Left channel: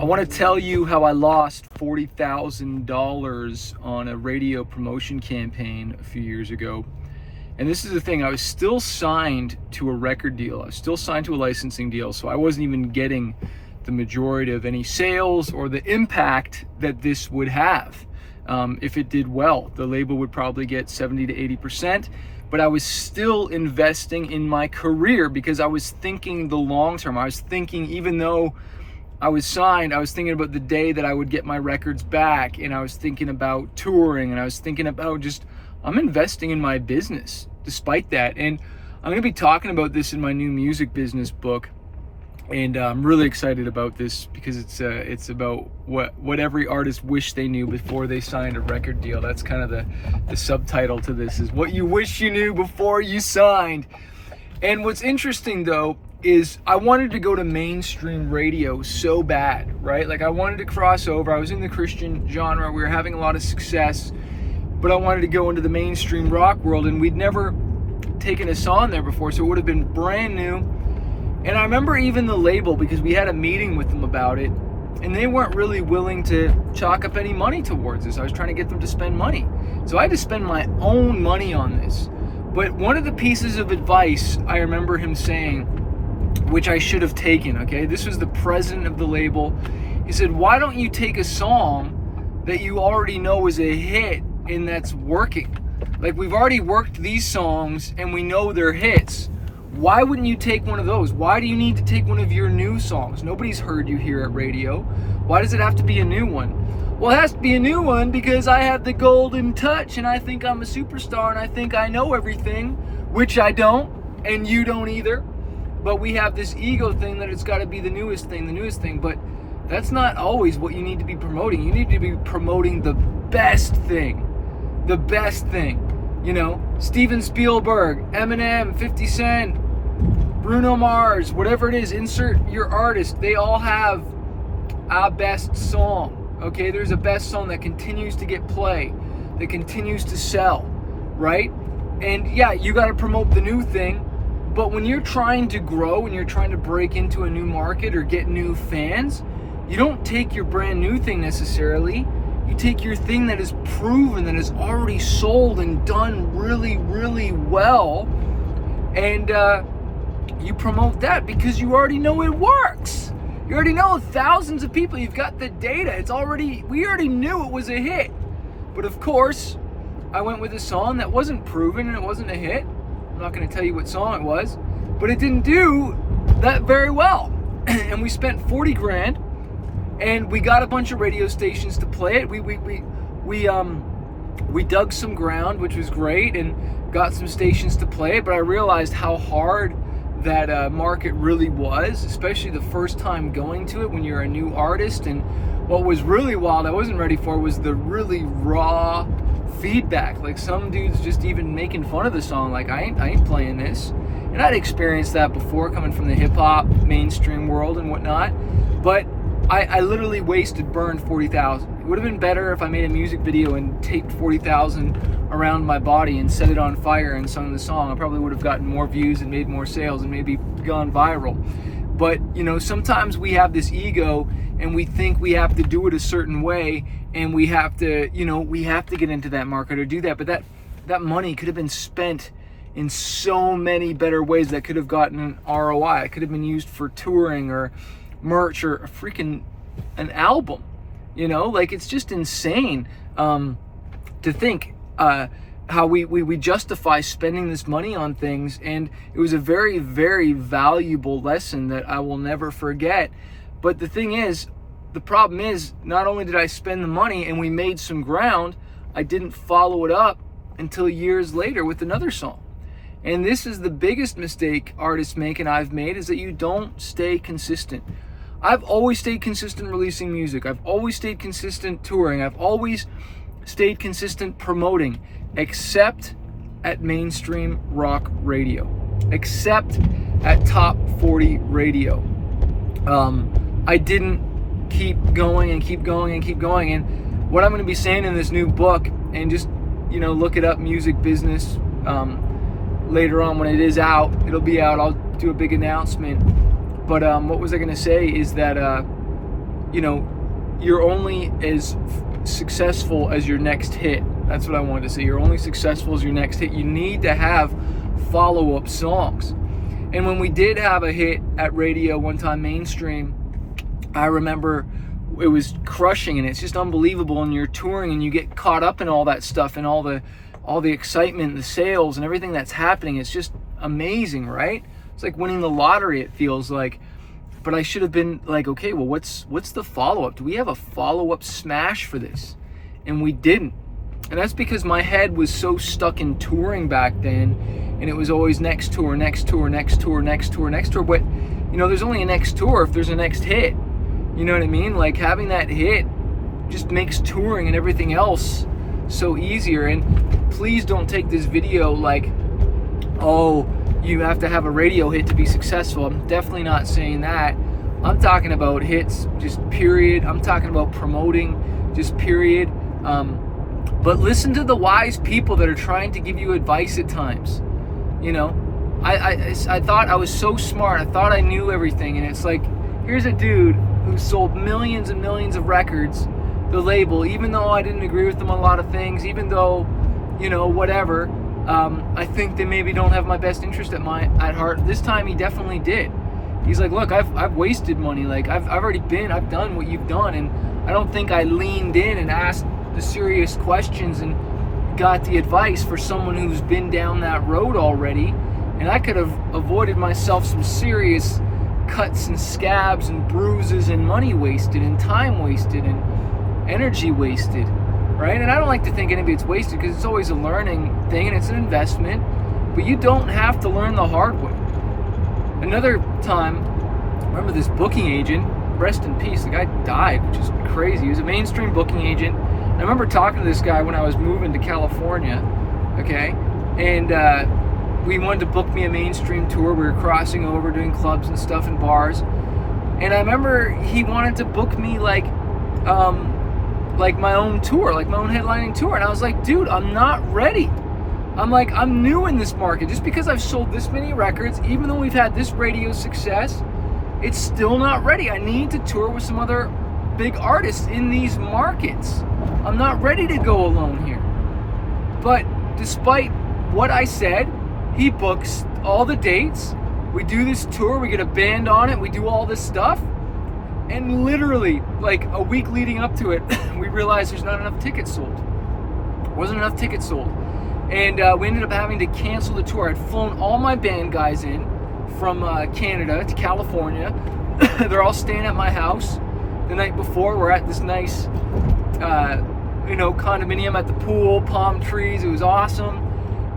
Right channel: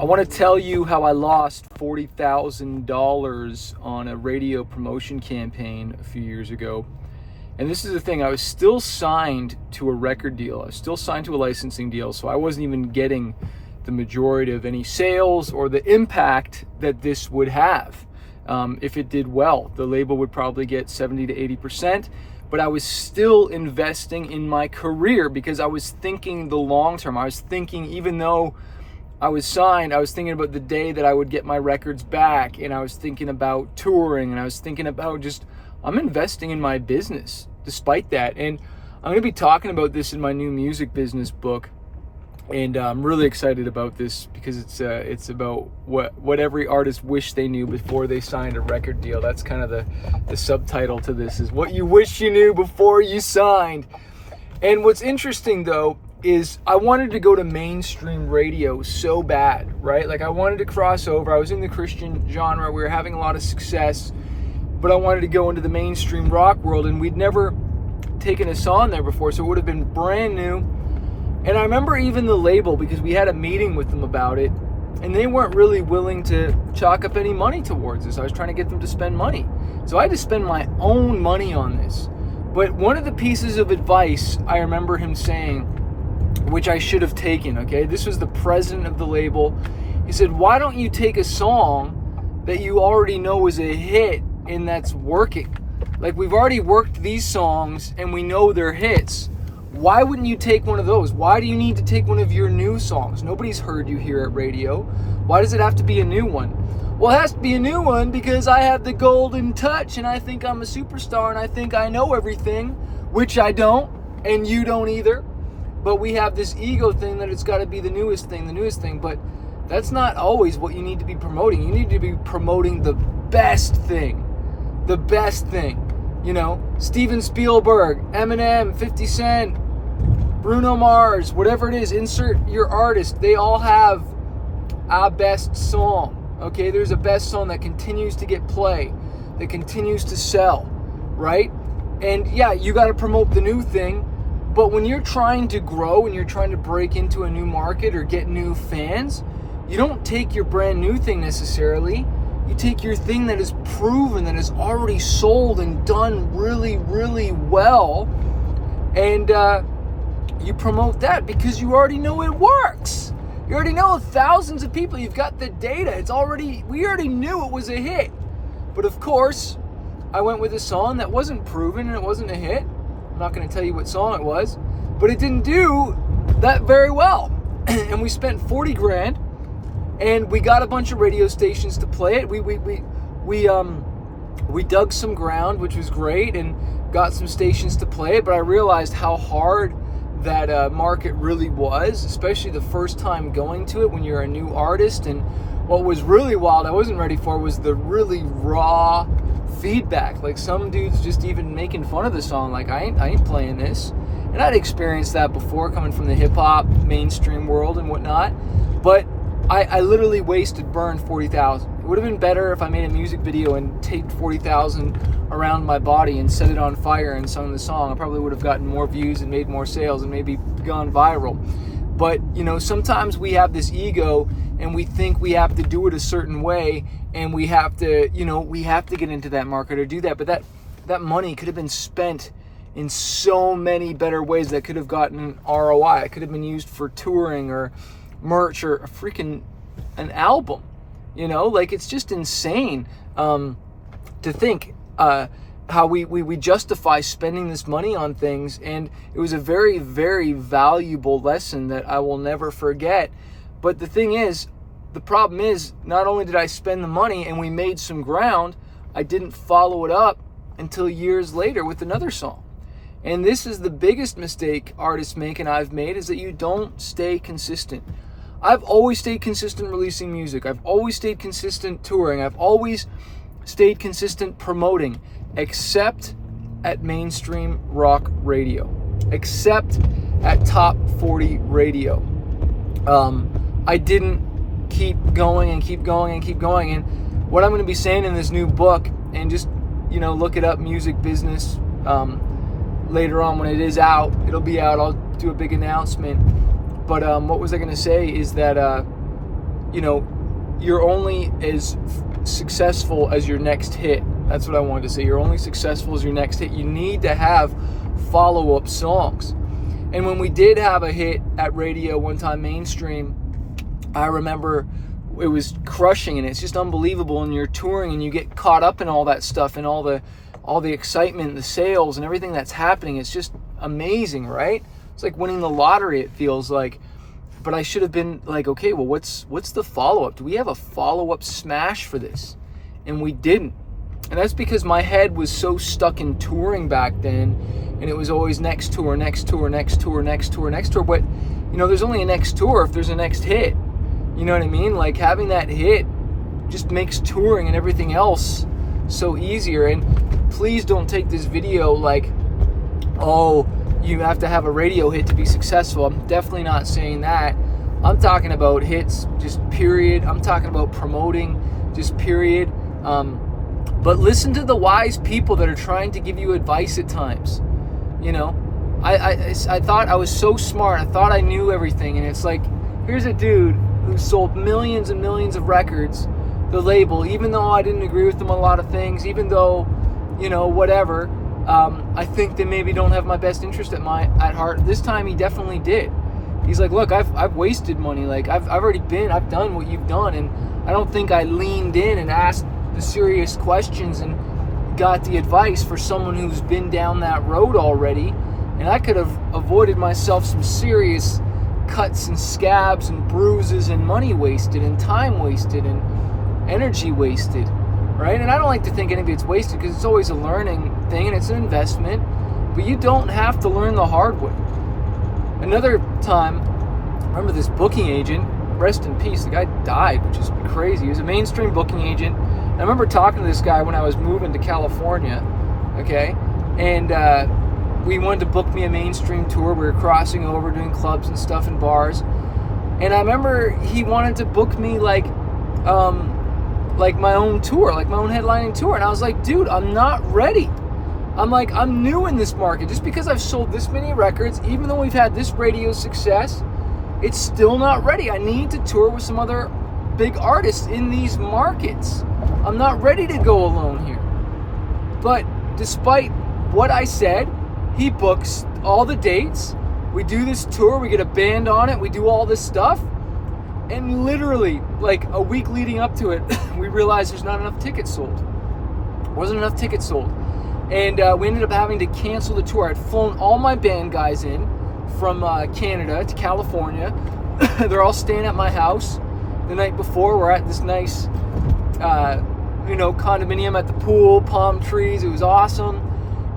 I want to tell you how I lost $40,000 on a radio promotion campaign a few years ago. And this is the thing, I was still signed to a record deal. I was still signed to a licensing deal, so I wasn't even getting the majority of any sales or the impact that this would have. If it did well, the label would probably get 70 to 80%, but I was still investing in my career because I was thinking the long term. I was thinking, even though I was signed, I was thinking about the day that I would get my records back, and I was thinking about touring, and I was thinking about I'm investing in my business despite that. And I'm going to be talking about this in my new music business book, and I'm really excited about this because it's about what every artist wished they knew before they signed a record deal. That's kind of the subtitle to this, is what you wish you knew before you signed. And what's interesting though is I wanted to go to mainstream radio so bad, right? Like I wanted to cross over. I was in the Christian genre. We were having a lot of success, but I wanted to go into the mainstream rock world, and we'd never taken us on there before, so it would have been brand new. And I remember even the label, because we had a meeting with them about it, and they weren't really willing to chalk up any money towards this. I was trying to get them to spend money. So I had to spend my own money on this. But one of the pieces of advice I remember him saying, which I should have taken, okay? This was the president of the label. He said, why don't you take a song that you already know is a hit and that's working? Like, we've already worked these songs and we know they're hits. Why wouldn't you take one of those? Why do you need to take one of your new songs? Nobody's heard you here at radio. Why does it have to be a new one? Well, it has to be a new one because I have the golden touch and I think I'm a superstar and I think I know everything, which I don't, and you don't either. But we have this ego thing that it's got to be the newest thing. But that's not always what you need to be promoting. You need to be promoting the best thing. The best thing. You know, Steven Spielberg, Eminem, 50 Cent, Bruno Mars, whatever it is, insert your artist. They all have a best song. Okay, there's a best song that continues to get play, that continues to sell, right? And yeah, you got to promote the new thing. But when you're trying to grow and you're trying to break into a new market or get new fans, you don't take your brand new thing necessarily. You take your thing that is proven, that is already sold and done really, really well, and you promote that because you already know it works. You already know thousands of people. You've got the data. We already knew it was a hit. But of course, I went with a song that wasn't proven and it wasn't a hit. I'm not going to tell you what song it was, but it didn't do that very well. And we spent 40 grand, and we got a bunch of radio stations to play it. We dug some ground, which was great, and got some stations to play it. But I realized how hard that market really was, especially the first time going to it when you're a new artist. And what was really wild, I wasn't ready for, was the really raw feedback. Like some dudes just even making fun of the song, like I ain't playing this. And I'd experienced that before, coming from the hip-hop mainstream world and whatnot. But I literally burned 40,000. It would have been better if I made a music video and taped 40,000 around my body and set it on fire and sung the song. I probably would have gotten more views and made more sales and maybe gone viral. But, you know, sometimes we have this ego and we think we have to do it a certain way, and we have to get into that market or do that. But that money could have been spent in so many better ways that could have gotten an ROI. It could have been used for touring or merch or an album. You know, like, it's just insane to think how we justify spending this money on things. And it was a very, very valuable lesson that I will never forget. But the thing is, the problem is, not only did I spend the money and we made some ground, I didn't follow it up until years later with another song. And this is the biggest mistake artists make, and I've made, is that you don't stay consistent. I've always stayed consistent releasing music. I've always stayed consistent touring. I've always stayed consistent promoting, except at mainstream rock radio, except at top 40 radio. I didn't keep going. And what I'm going to be saying in this new book, and just, you know, look it up, music business, later on when it is out. It'll be out. I'll do a big announcement. But what was I going to say is that you're only as successful as your next hit. That's what I wanted to say. You're only successful as your next hit. You need to have follow-up songs. And when we did have a hit at radio one time, mainstream, I remember it was crushing, and it's just unbelievable. And you're touring and you get caught up in all that stuff and all the excitement, the sales and everything that's happening. It's just amazing, right? It's like winning the lottery, it feels like. But I should have been like, okay, well, what's the follow-up? Do we have a follow-up smash for this? And we didn't. And that's because my head was so stuck in touring back then, and it was always next tour, next tour, next tour, next tour, next tour. But, there's only a next tour if there's a next hit. You know what I mean? Like, having that hit just makes touring and everything else so easier. And please don't take this video like, oh, you have to have a radio hit to be successful. I'm definitely not saying that. I'm talking about hits, just period. I'm talking about promoting, just period. But listen to the wise people that are trying to give you advice at times. I thought I was so smart. I thought I knew everything. And it's like, here's a dude who sold millions and millions of records, the label, even though I didn't agree with them on a lot of things, even though, whatever. I think they maybe don't have my best interest at heart. This time he definitely did. He's like, look, I've wasted money. Like, I've done what you've done. And I don't think I leaned in and asked the serious questions and got the advice for someone who's been down that road already. And I could have avoided myself some serious cuts and scabs and bruises and money wasted and time wasted and energy wasted, right? And I don't like to think any of it's wasted, because it's always a learning thing and it's an investment, but you don't have to learn the hard way. Another time, I remember this booking agent, rest in peace, the guy died, which is crazy. He was a mainstream booking agent. I remember talking to this guy when I was moving to California, okay? And we wanted to book me a mainstream tour. We were crossing over, doing clubs and stuff and bars. And I remember he wanted to book me like my own tour, like my own headlining tour. And I was like, dude, I'm not ready. I'm new in this market. Just because I've sold this many records, even though we've had this radio success, it's still not ready. I need to tour with some other big artists in these markets. I'm not ready to go alone here. But despite what I said, he books all the dates. We do this tour, we get a band on it, we do all this stuff. And literally, like a week leading up to it, we realized there's not enough tickets sold. Wasn't enough tickets sold. And we ended up having to cancel the tour. I'd flown all my band guys in from Canada to California. They're all staying at my house the night before. We're at this nice, condominium at the pool, palm trees. It was awesome.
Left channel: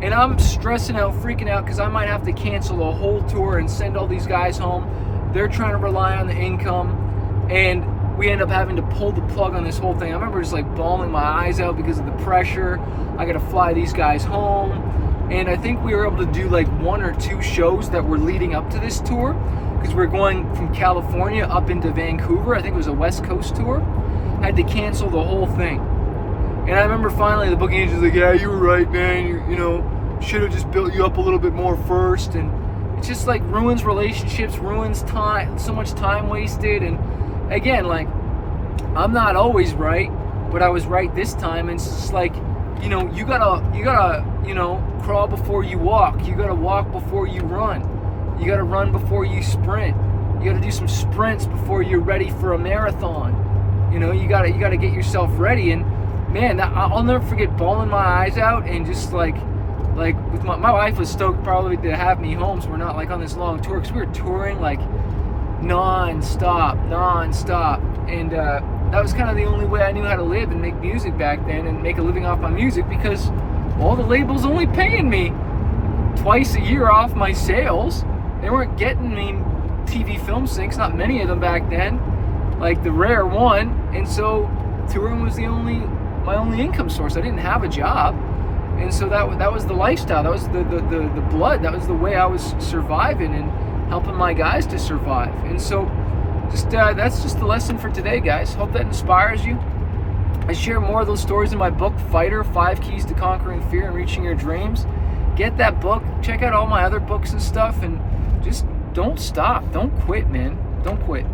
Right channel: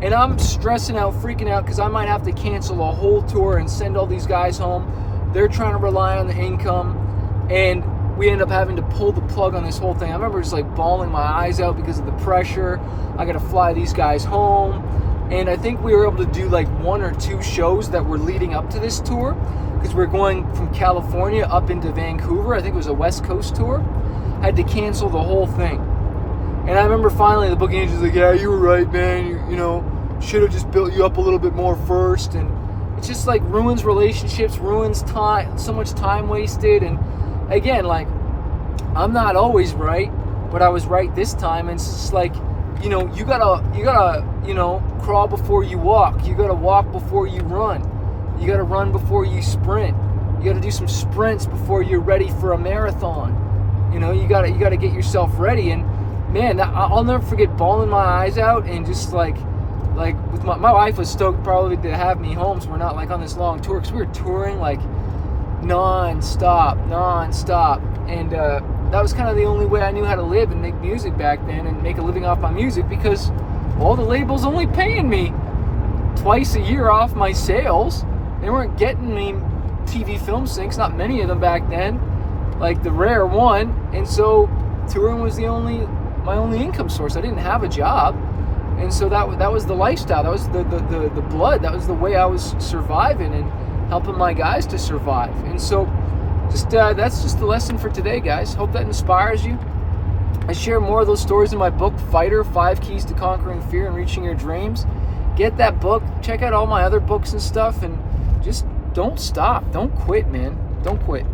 And I'm stressing out, freaking out, because I might have to cancel the whole tour and send all these guys home. They're trying to rely on the income. And we end up having to pull the plug on this whole thing. I remember just like bawling my eyes out because of the pressure. I got to fly these guys home. And I think we were able to do like 1 or 2 shows that were leading up to this tour, because we're going from California up into Vancouver. I think it was a West Coast tour. Had to cancel the whole thing. And I remember finally the booking agent was like, yeah, you were right, man. You should have just built you up a little bit more first. And it's just like ruins relationships, ruins time, so much time wasted. And again, like, I'm not always right, but I was right this time. And it's just like, you gotta, crawl before you walk. You gotta walk before you run. You gotta run before you sprint. You gotta do some sprints before you're ready for a marathon. You gotta get yourself ready. And man, I'll never forget bawling my eyes out and just like with my wife was stoked probably to have me home, so we're not like on this long tour, because we were touring like non-stop. And that was kind of the only way I knew how to live and make music back then and make a living off my music, because all the labels only paying me twice a year off my sales. They weren't getting me TV film syncs, not many of them back then, like the rare one. And so touring was my only income source. I didn't have a job. And so that was the lifestyle. That was the blood. That was the way I was surviving and helping my guys to survive. And so that's just the lesson for today, guys. Hope that inspires you. I share more of those stories in my book, Fighter, 5 Keys to Conquering Fear and Reaching Your Dreams. Get that book. Check out all my other books and stuff. And just don't stop. Don't quit, man. Don't quit.